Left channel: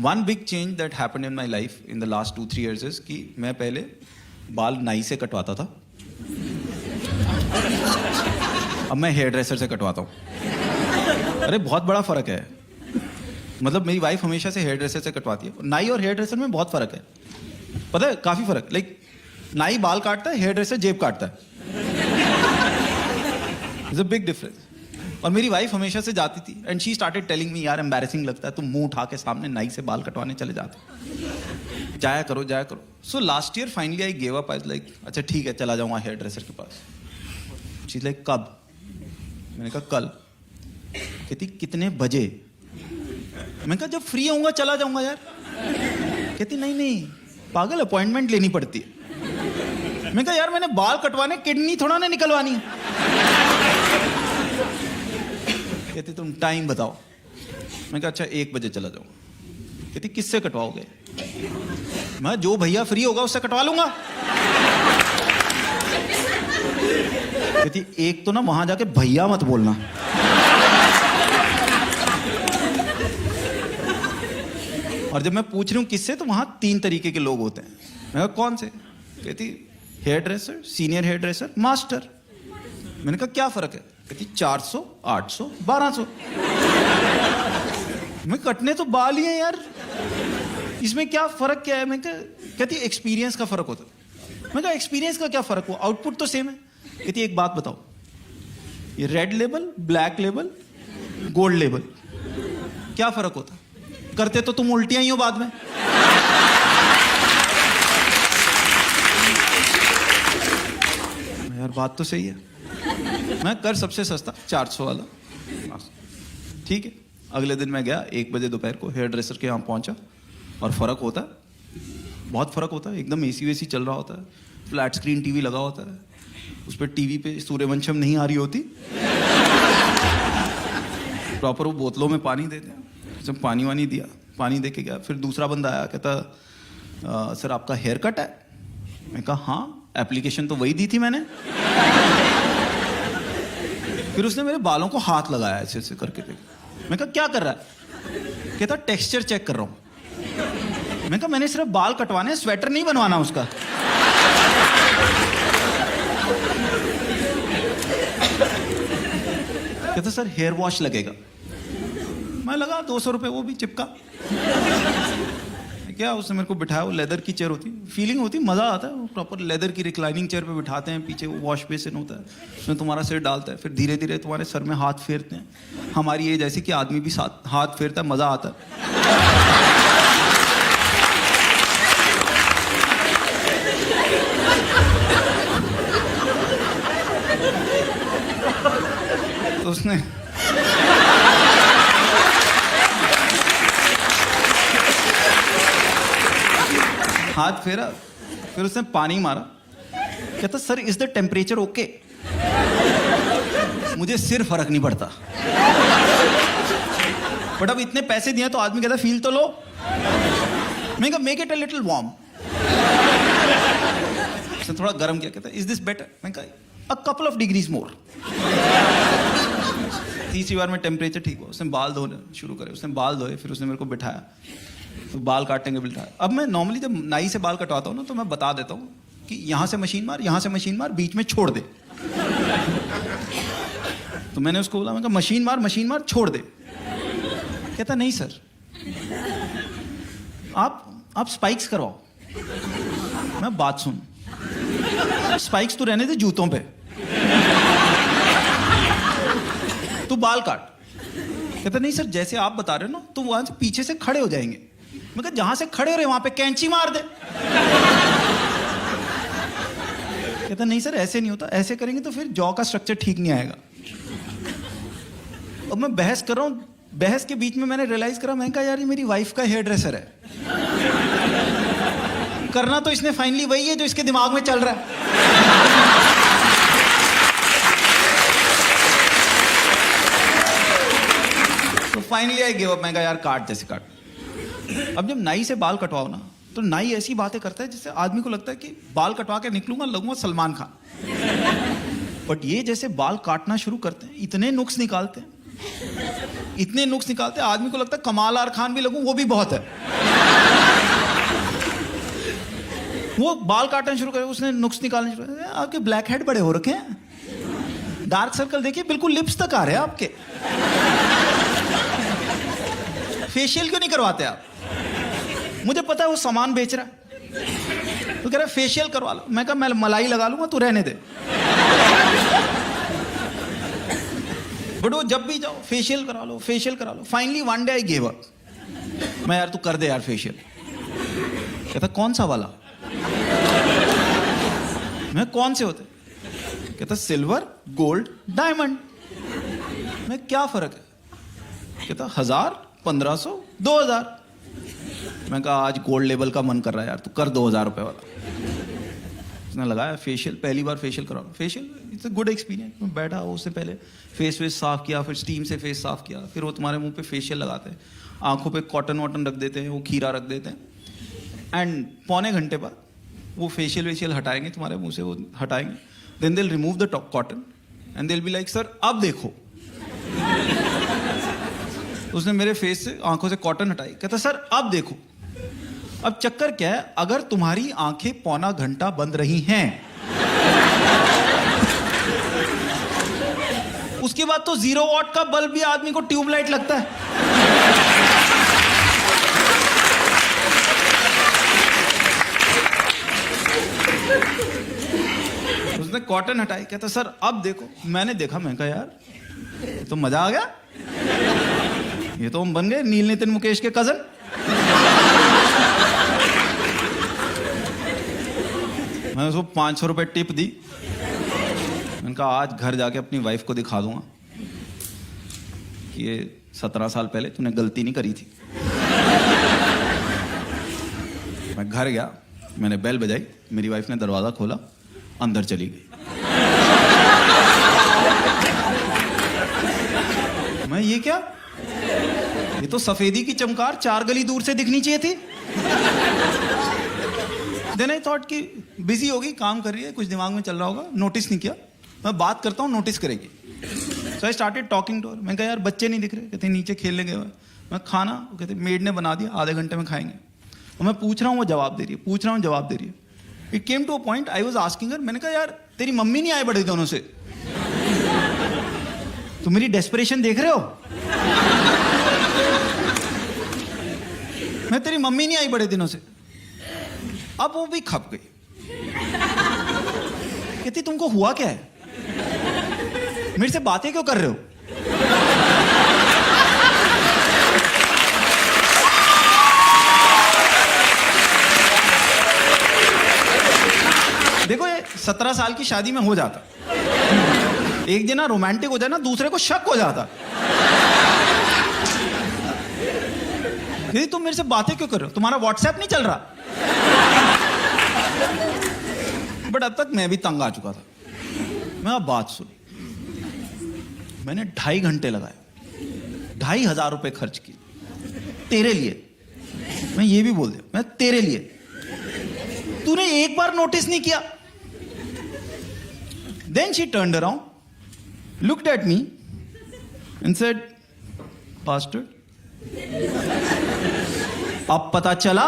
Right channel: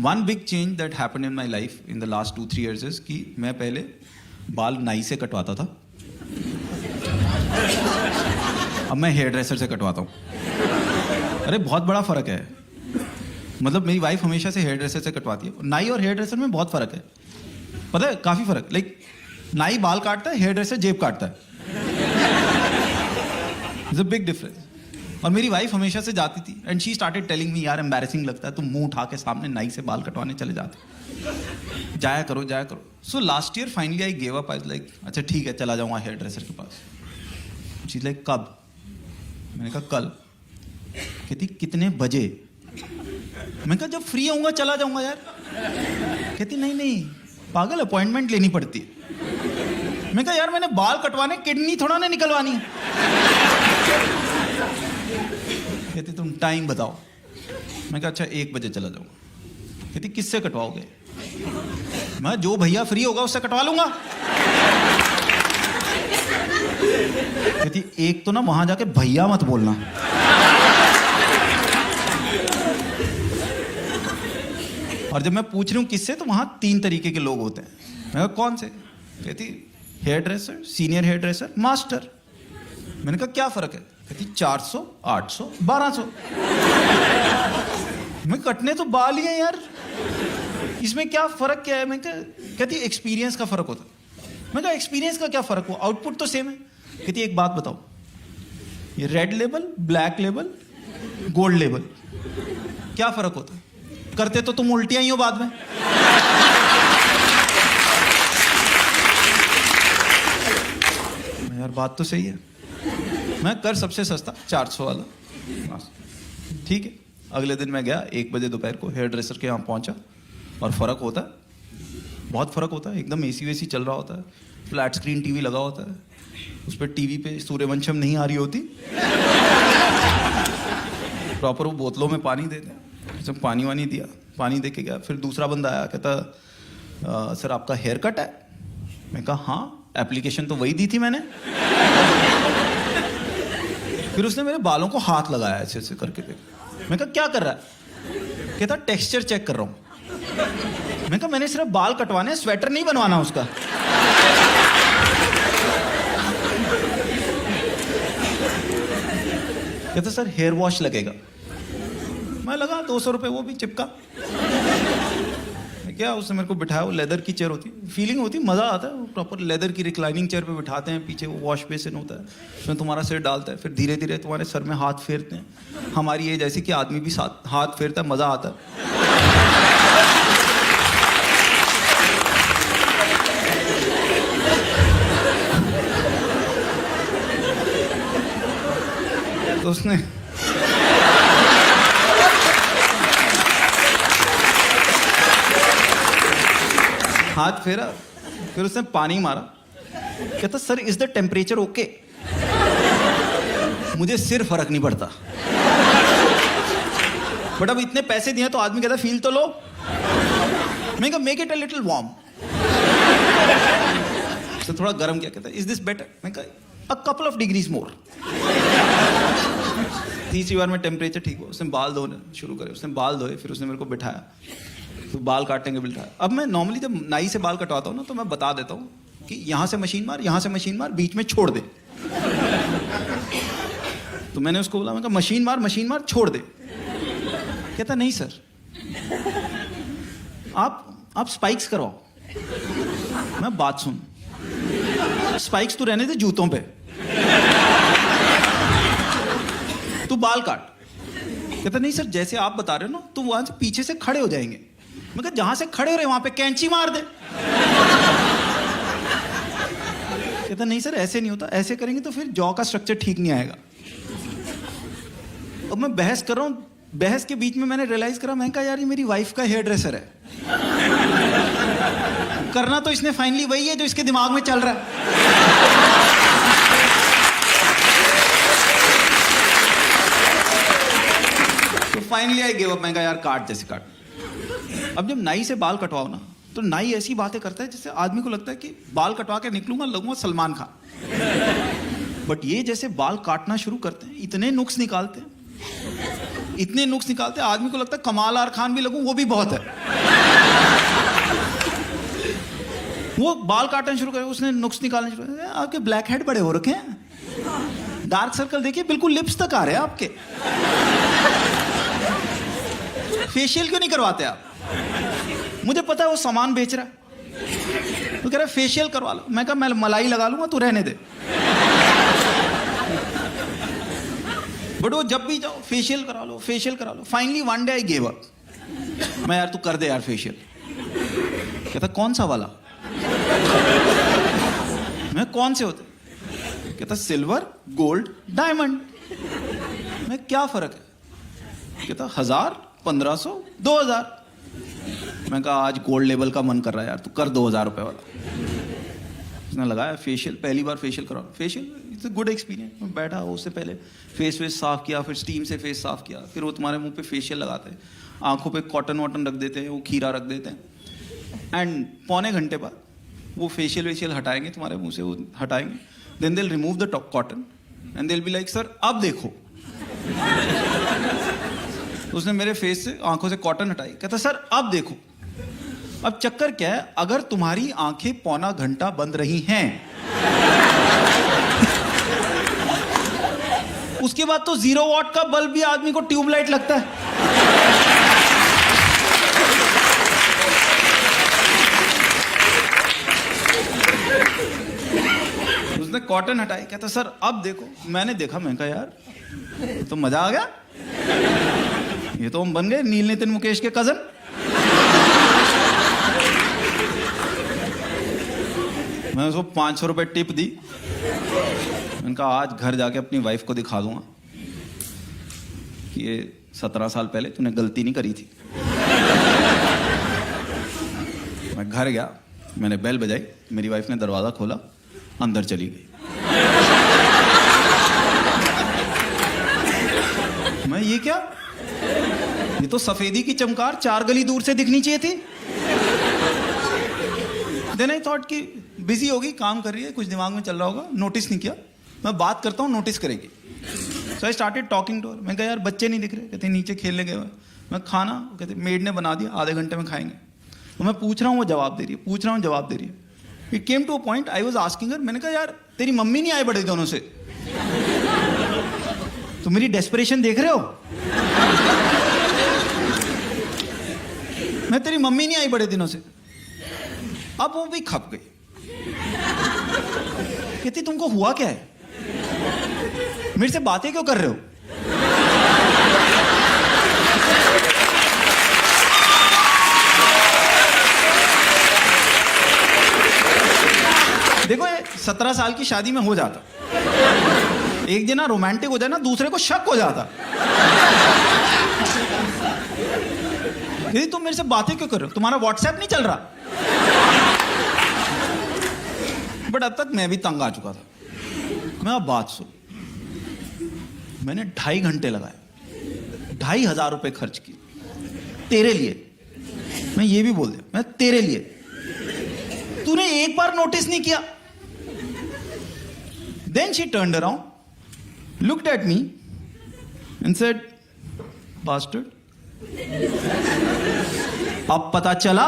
One big change that happened in my life in the last 2-3 years is कि मैं पहले बाल नाई से कटवाता था, अब मैं हेयर ड्रेसर से कटवाता हूँ। अरे बहुत बड़ा फर्क है। मतलब मेरी वाइफ हमेशा से हेयर ड्रेसर से कटवाती है। नाई और हेयर ड्रेसर में बहुत फर्क है, पता है, काफी फर्क। लाइक नाई बाल काटता है, हेयर ड्रेसर जेब काटता है। It's a big difference. और मेरी वाइफ हमेशा से जाती थी and she started telling me, यार एम्बैरेसिंग लगता है तुम मुंह उठा के सामने नाई से बाल कटवाने चले जाते, जाया करो जाया करो। So last year finally I gave up. I like अच्छा ठीक है चला जाऊंगा हेयर ड्रेसर के पास। शी इज लाइक कब? मैंने कहा कल। कहती कितने बजे? मैंने कहा जब फ्री होऊंगा चला जाऊंगा यार। कहती नहीं नहीं पागल, अपॉइंटमेंट लेनी पड़ती है। मैंने कहा यार मैंने बाल कटवाने, किडनी थोड़ा ना निकलवानी है। कहती तुम टाइम बताओ। मैं कहा अच्छा 1 बजे चला जाऊंगा। कहती किससे कटवाओगे? मैं जो भैया फ्री होगा उससे कटवा लूंगा। कहती एक तो ना वहां जाके भैया मत बोलना। और जब मैं पूछ रही हूं किससे, तो वहां 3 तरीके के लोग होते हैं। मैं कहा कौन से? कहती hair dresser, senior hair dresser, master. मैंने कहा क्या फर्क है? कहती 400, 800, 1200। मैं कटने तो बाल ही है यार, इसमें क्या फर्क क्या है? मैं कहती एक्सपीरियंस का फर्क होता है। मैं कहा एक्सपीरियंस का क्या फर्क हुआ, आउटपुट तो सेम है। कहती एक बात बताओ, ये red label, black label, gold label, क्या फर्क होता है? करते तो तुम उल्टियां ही हो बाद में। यार बात तो सही है। मैं कर सबसे सस्ता 400 वाला। ठीक है, अगले दिन मैं गया 1 बजे दोपहर को हेयर ड्रेसर के यहाँ पहुंचा और फर्क होता है, बहुत फर्क होता है। एकदम एसी वेसी चल रहा होता है, फ्लैट स्क्रीन टीवी लगा होता है, उस पर टीवी पे सूर्यवंशम नहीं आ रही होती, प्रॉपर वो बोतलों में पानी देते हैं। सब पानी वानी दिया, पानी दे के गया। फिर दूसरा बंदा आया, कहता सर आपका हेयर कट है? मैं कहा हाँ, एप्लीकेशन तो वही दी थी मैंने। फिर उसने मेरे बालों को हाथ लगाया ऐसे ऐसे करके देख। मैं कहा क्या कर रहा है? कहता टेक्सचर चेक कर रहा हूं। मैं कहा मैंने सिर्फ बाल कटवाने, स्वेटर नहीं बनवाना उसका। कहता सर हेयर वॉश लगेगा। मैं लगा 200 रुपए, वो भी चिपका। क्या उसने मेरे को बिठाया, वो लेदर की चेयर होती, फीलिंग होती, मजा आता है। प्रॉपर लेदर की रिक्लाइनिंग चेयर पे बिठाते हैं, पीछे वो वॉश बेसिन होता है, उसमें तुम्हारा सिर डालता है, फिर धीरे धीरे तुम्हारे सर में हाथ फेरते हैं। हमारी एज ऐसी कि आदमी भी साथ हाथ फेरता है, मजा आता है। तो उसने हाथ फेरा, फिर उसने पानी मारा। कहता sir is the temperature okay? मुझे सिर फर्क नहीं पड़ता, बट अब इतने पैसे दिए तो आदमी कहता फील तो लो। मैं कहा make it a little warm. उसने थोड़ा गर्म किया। कहता इज दिस बेटर? मैं कहा अ कपल ऑफ डिग्रीज मोर। तीसरी बार में टेम्परेचर ठीक हुआ, उसने बाल धोने शुरू करे। उसने बाल धोए, फिर उसने मेरे को बिठाया, तो बाल काटने के बिठाया। अब मैं नॉर्मली जब नाई से बाल कटवाता हूँ ना, तो मैं बता देता हूँ कि यहां से मशीन मार, यहां से मशीन मार, बीच में छोड़ दे। तो मैंने उसको बोला, मैं कहा मशीन मार छोड़ दे। कहता नहीं सर, आप स्पाइक्स करवाओ। मैं बात सुन, स्पाइक्स तो रहने दे जूतों पे, तू बाल काट। कहता नहीं सर जैसे आप बता रहे हो ना, तो वहां से पीछे से खड़े हो जाएंगे। मैं कहा जहां से खड़े हो रहे वहां पे कैंची मार दे। कहता नहीं सर ऐसे नहीं होता, ऐसे करेंगे तो फिर जॉ का स्ट्रक्चर ठीक नहीं आएगा। अब मैं बहस कर रहा हूं, बहस के बीच में मैंने रियलाइज करा, मैं कहा यार ये मेरी वाइफ का हेयर ड्रेसर है। करना तो इसने फाइनली वही है जो इसके दिमाग में चल रहा है। तो फाइनली आई गिव अप। मैं कहा यार काट जैसे काट। अब जब नाई से बाल कटवाओ ना, तो नाई ऐसी बातें करता है जिससे आदमी को लगता है कि बाल कटवा के निकलूंगा, लगूंगा सलमान खान। बट ये जैसे बाल काटना शुरू करते हैं, इतने नुक्स निकालते हैं इतने नुक्स निकालते आदमी को लगता है कमाल आर खान भी लगूं वो भी बहुत है। वो बाल काटना शुरू करे, उसने नुक्स निकालने शुरू करे, आपके ब्लैक हेड बड़े हो रखे हैं, डार्क सर्कल देखिए बिल्कुल लिप्स तक आ रहे हैं आपके, फेशियल क्यों नहीं करवाते आप? मुझे पता है वो सामान बेच रहा है, तो कह रहा है फेशियल करवा लो। मैं कहा मैं मलाई लगा लूंगा, तू रहने दे। बट वो जब भी जाओ फेशियल करा लो, फेशियल करा लो। Finally one day I give up. मैं यार तू कर दे यार फेशियल। कहता कौन सा वाला? मैं कौन से होते? कहता सिल्वर, गोल्ड, डायमंड। मैं क्या फर्क है? कहता 1000, 1500, 2000। मैं कहा आज गोल्ड लेवल का मन कर रहा है यार, तू कर 2000 रुपए वाला। उसने लगाया फेशियल, पहली बार फेशियल करा। Facial it's a good experience. मैं बैठा हो, उससे पहले फेस वेस साफ किया, फिर स्टीम से फेस साफ किया, फिर वो तुम्हारे मुंह पे फेशियल लगाते हैं, आंखों पे कॉटन वॉटन रख देते हैं, वो खीरा रख देते हैं, एंड पौने घंटे बाद वो फेशियल वेशियल हटाएंगे, तुम्हारे मुंह से वो हटाएंगे, then they will remove the cotton and they will be like sir अब देखो। उसने मेरे फेस से आंखों से कॉटन हटाई, कहता सर अब देखो। अब चक्कर क्या है, अगर तुम्हारी आंखें पौना घंटा बंद रही हैं, उसके बाद तो 0 वॉट का बल्ब भी आदमी को ट्यूबलाइट लगता है। उसने कॉटन हटाई, कहता सर अब देखो। मैंने देखा, मैं कहा यार ये तो मजा आ गया, ये तो हम बन गए नील नितिन मुकेश के कजन। मैंने उसको 500 रुपए टिप दी। मैंने कहा आज घर जाके अपनी वाइफ को दिखा दूंगा कि ये 17 साल पहले तूने गलती नहीं करी थी। मैं घर गया, मैंने बेल बजाई, मेरी वाइफ ने दरवाजा खोला, अंदर चली गई। मैं ये क्या, ये तो सफेदी की चमकार 4 गली दूर से दिखनी चाहिए थी। देन आई थॉट कि बिजी होगी, काम कर रही है, कुछ दिमाग में चल रहा होगा, नोटिस नहीं किया। मैं बात करता हूँ, नोटिस करेगी। So I started talking to her. मैं कहा यार बच्चे नहीं दिख रहे? कहते नीचे खेलने गए हुए। मैं खाना, कहते मेड ने बना दिया, आधे घंटे में खाएंगे। और मैं पूछ रहा हूँ, वो जवाब दे रही है, पूछ रहा हूँ, जवाब दे रही है। It came to a point I was asking her, मैंने कहा यार तेरी मम्मी नहीं आए बड़े दिनों से, तुम मेरी डेस्परेशन देख रहे हो? मैं तेरी मम्मी नहीं आई बड़े दिनों से। अब वो भी खप गई, कहती तुमको हुआ क्या है, मेरे से बातें क्यों कर रहे हो? देखो ये 17 साल की शादी में हो जाता, एक जना रोमांटिक हो जाए ना, दूसरे को शक हो जाता। कहती तुम मेरे से बातें क्यों कर रहे हो, तुम्हारा व्हाट्सएप नहीं चल रहा? बट अब तक मैं भी तंग आ चुका था। मैं अब बात सुनी, मैंने 2.5 घंटे लगाए, 2,500 रुपए खर्च किए तेरे लिए। मैं ये भी बोल दिया, मैं तेरे लिए, तूने एक बार नोटिस नहीं किया। Then she turned around, looked at me and said bastard, अब पता चला